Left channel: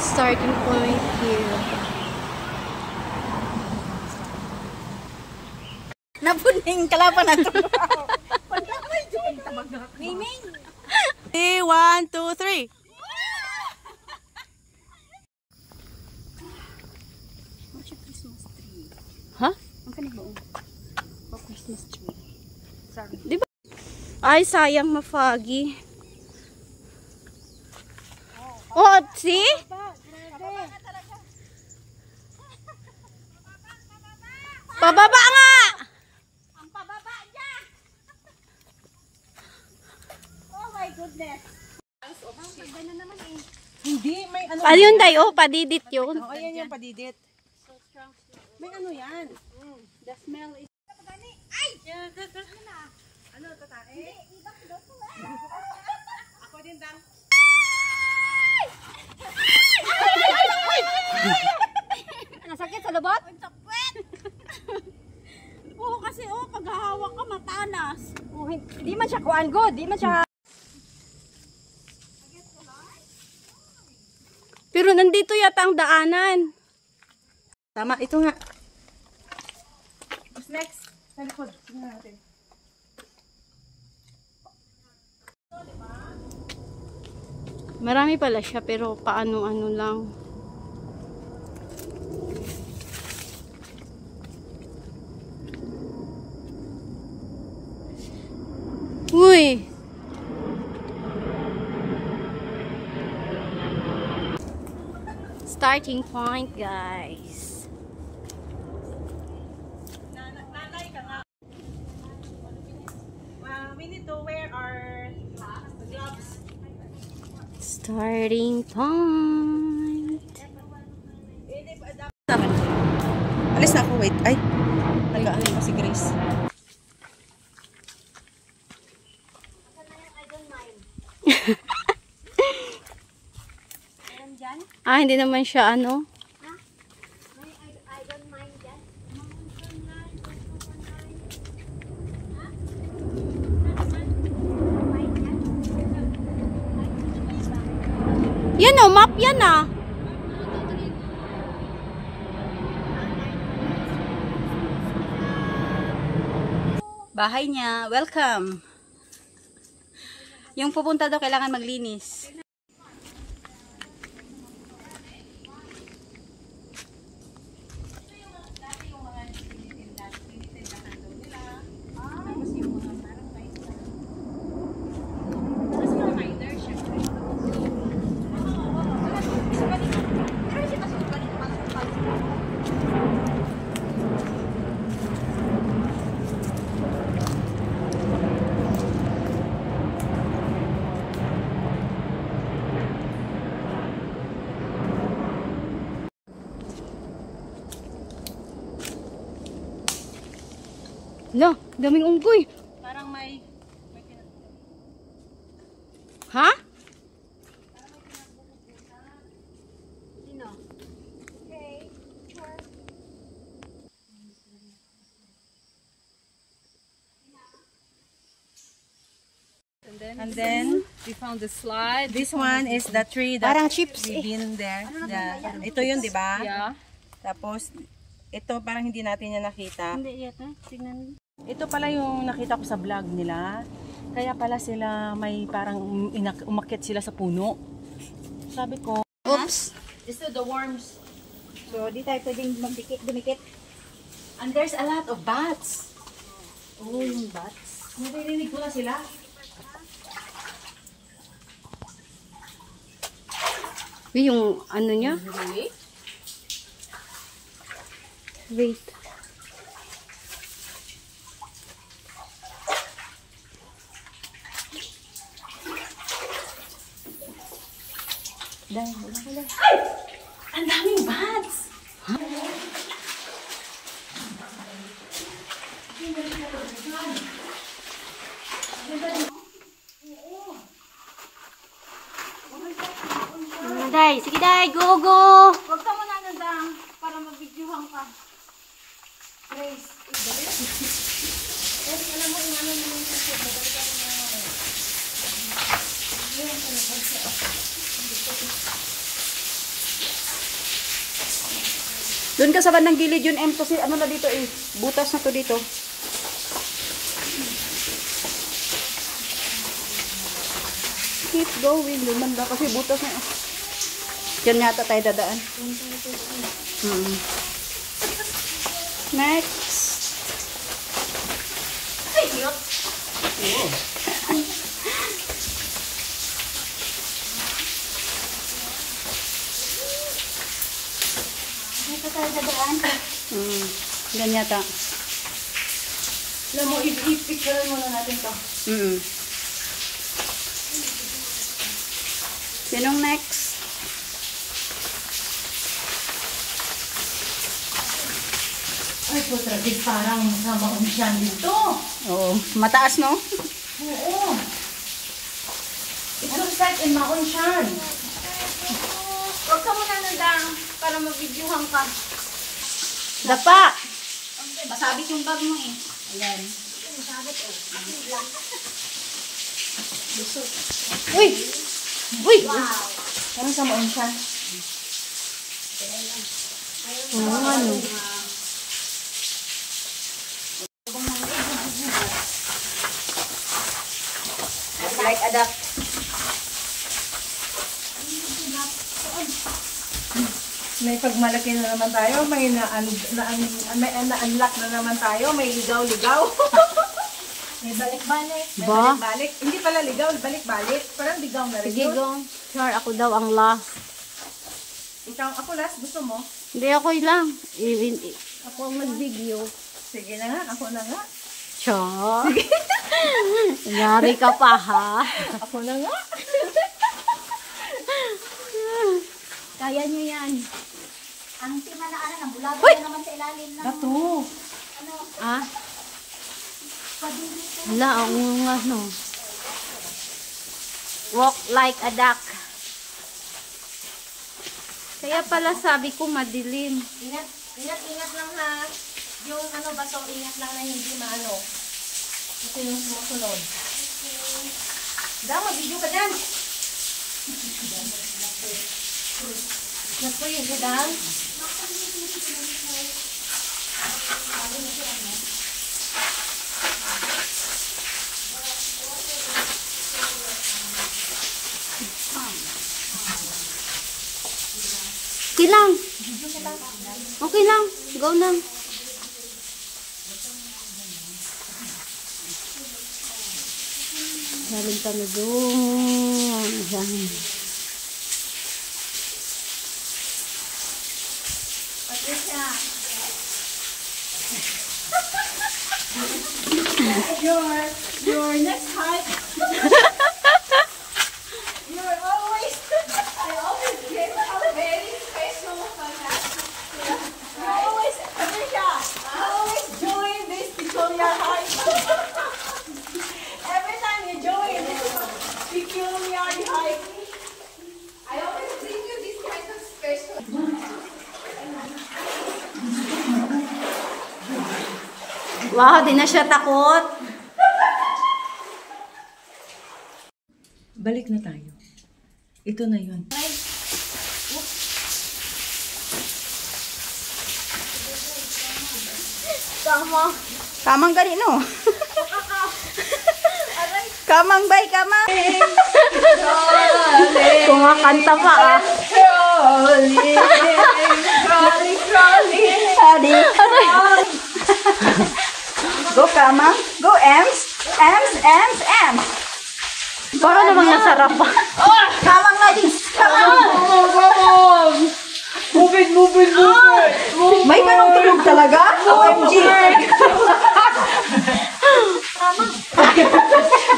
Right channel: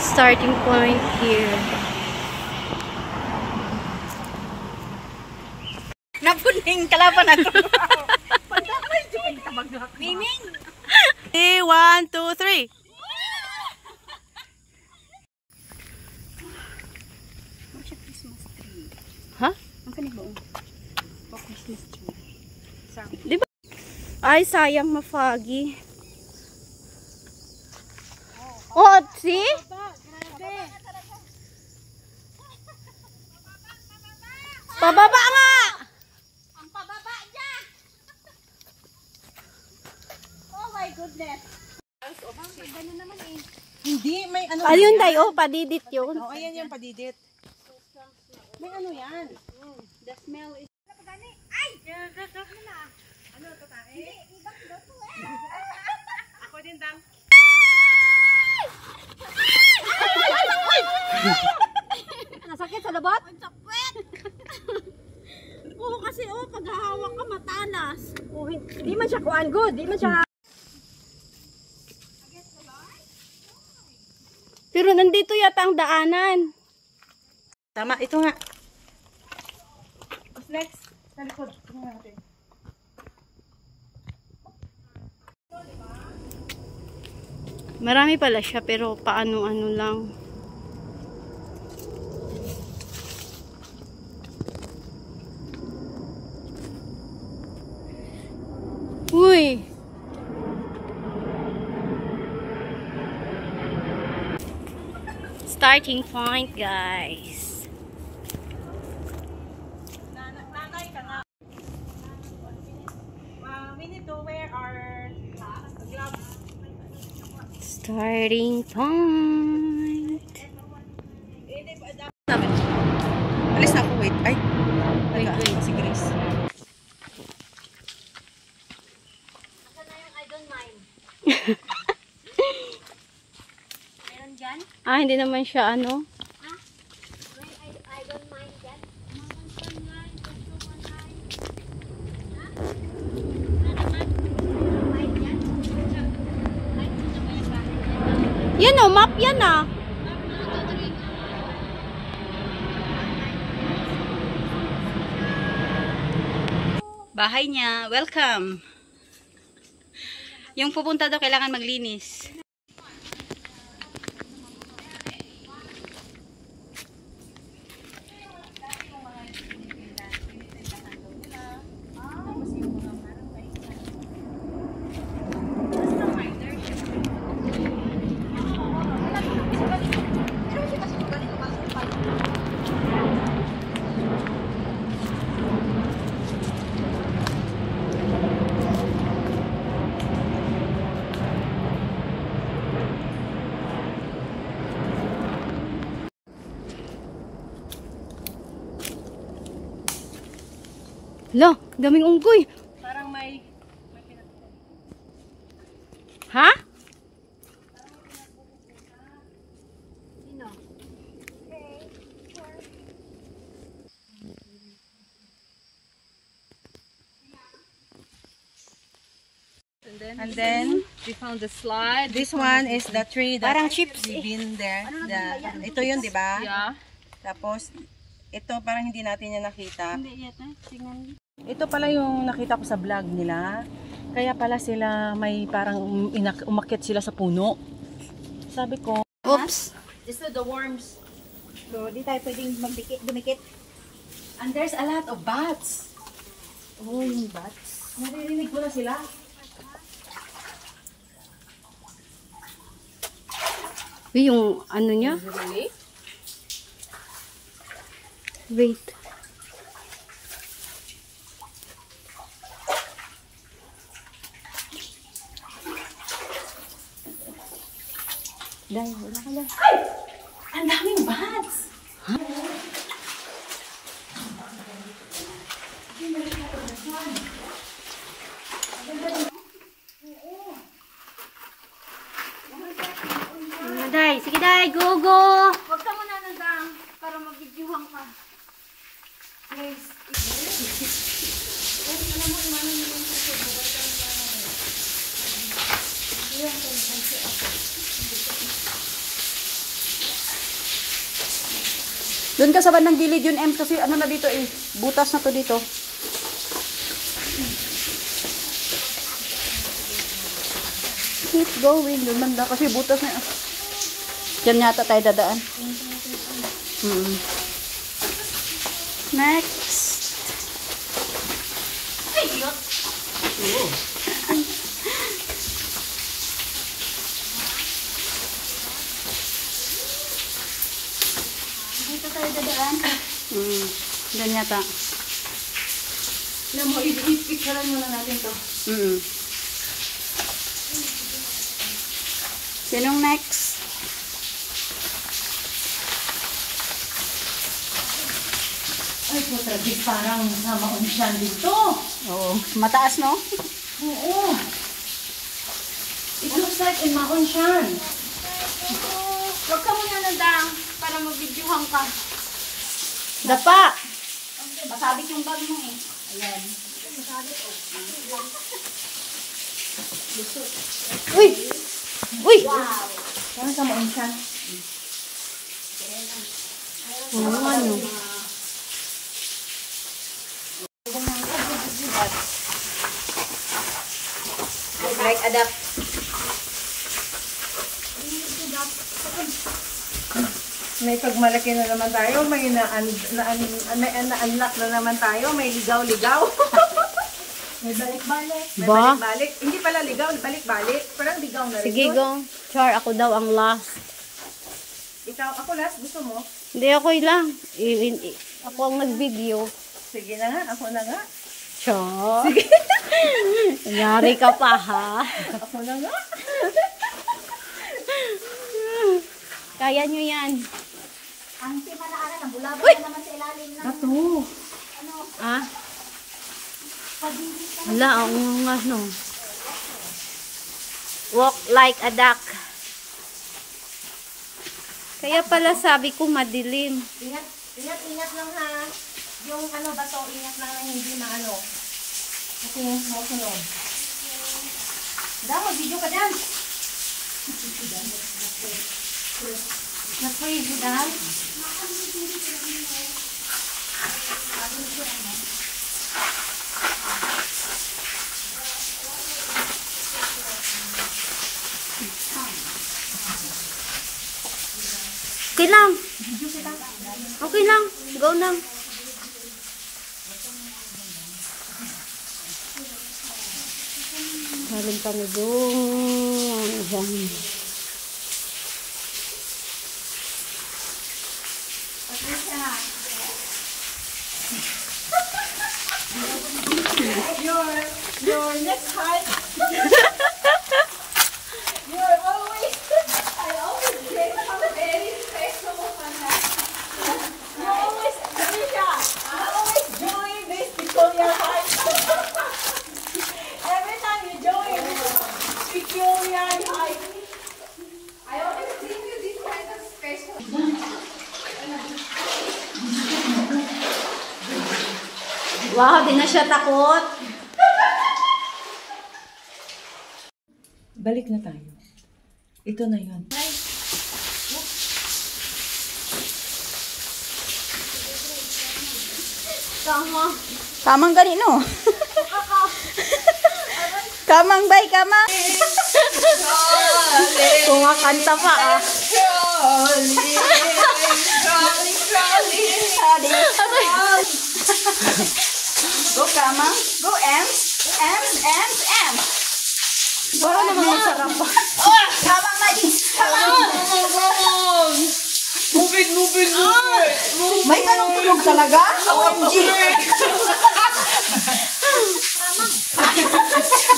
Starting point here. Napuning kalaban na ito. Miming! 1, 2, 3. Christmas tree. Ha? Ang kanibuong. Christmas tree. Sorry. Diba? Ay, sayang ma-foggy. Oh, see? Pababa nga! Ang pababa niya! Oh my goodness! Gano'n naman eh. Hindi, may ano. Ayun, day, oh, padidit yun. Oh, ayan yung padidit. May ano yan? The smell is... Ay! Ano, tatae? Hindi, ibang doto eh. Ako din, Dang. Nasakit sa labot? Ang sakit! Oo, kasi pag hahawak ka matalas. Oh, hindi man siya kuan good, hindi man siya. Pero nandito yata ang daanan. Tama, ito nga. What's next? Sa likod. Tingnan natin. Marami pala siya pero paano-ano lang. Uy! Starting point, guys. Nanay ka nga. We need to wear our gloves. Starting point. Alis na ako, wait. Ay. Wait. Si Grace. Asa na yung I don't mind? Meron dyan? Ah, hindi naman siya ano. I don't mind that. Yan o, map yan ah. Bahay niya. Welcome. Yung pupunta daw kailangan maglinis. Lo, daming unggoy. Parang may Ha? And then we found the slide. This one is the tree that we've been there. Ito yun, di ba? Yeah. Tapos ito parang hindi natin yan nakita. Hindi yata. Tingnan. Ito pala yung nakita ko sa vlog nila. Kaya pala sila may parang umakyat sila sa puno. Sabi ko, Oops. this is the worms. So, di tayo pwedeng dumikit. And there's a lot of bats. Oh, yung bats. Naririnig ko na sila. Uy, yung ano niya? Wait. Dahil, wala ka lang. Ay! Ang daming bats! Ha? Day, sige day, go go! Huwag ka muna nadang para mabidyohan ka. Guys, Doon ka sa bandang gilid yun, M, kasi ano na dito eh. Butas na to dito. Keep going. Doon banda kasi butas na. Diyan yata tayo dadaan. Next. Dito tayo dadaan. Diyan yata. Alam mo, i-picturean muna natin to. Sinong next? Ay, putra, di parang sa maumsyan dito. Oo. Mataas, no? Oo. It looks like in Maonshan. Huwag ka muna nadang para mag-videohan ka. Dapa! Masabit yung bag mo eh. Ayan. Masabit oh. Uy! Uy! Ano sa Maonshan? Oo, ano? Like adapt. May pagmalaki na naman tayo, may na-unlock na naman tayo, may ligaw-ligaw. May balik-balik. May Ba? balik-balik. Hindi pala ligaw, balik-balik. Parang ligaw na rin. Sige, yun. go. Char, ako daw ang last. Ikaw, ako last, gusto mo? Hindi, ako lang. Ako ang nag-video. Sige na nga, ako na nga. Char. Nangyari ka pa, ha? Ako na nga. Kaya nyo yan. Ang timanaanan, ang bulabog na naman sa ilalim ng... Ito. Ah? Wala, ang ano. Walk like a duck. Kaya pala sabi ko madilim. Ingat lang ha. Yung ano baso, ingat lang na hindi maano. Ito yung nasunod. Dama, video ka dyan. Nag-freeze ka dyan. Okay lang. Okay lang. Go lang. Galing kami doon. Yan. Your next height. You're always, I always get very special on that. You always, Alicia, you always join this peculiar height. Every time you join this peculiar height, I always bring you this kind of special. Wow, di na siya takot. Balik na tayo. Ito na yun. Tama. Kamang gani, no? Kamang bay, kamang. Kumakanta pa, ah. Hadi. Go, kamang. Go, Ems. Ems, Ems, Ems. Para namang nasarap pa. Kamang nga din. Kamang. Move it. May ganong tulog talaga? OMG.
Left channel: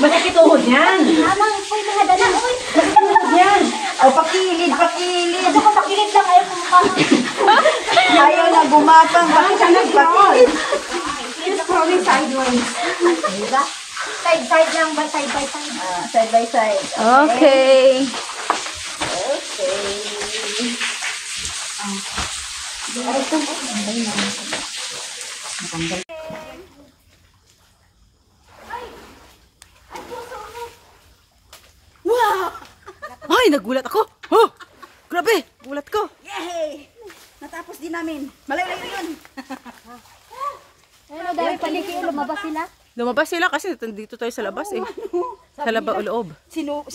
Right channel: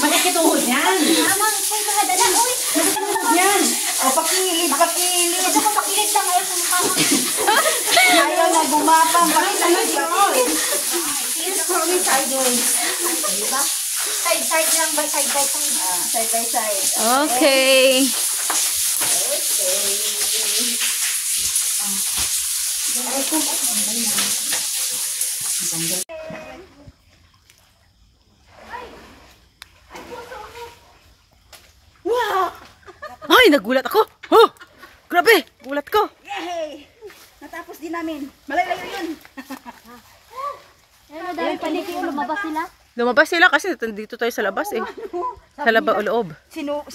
Bakit ituhod yan? Tama, ay mga dala, oy. Yan. O, pakilid. Ito ko pakilit lang, ayaw kumukha. Ayaw na gumapang. Pakilid. It's probably sideways. Diba? Side lang ba? Side by side. Side by side. Okay. nagulat ako. Oh! Grabe, gulat ko. Yay! Natapos din namin. Malayo-layo yun. Dahil paliki lumabas sila. Lumabas sila kasi dito tayo sa labas eh. Sa loob. Sino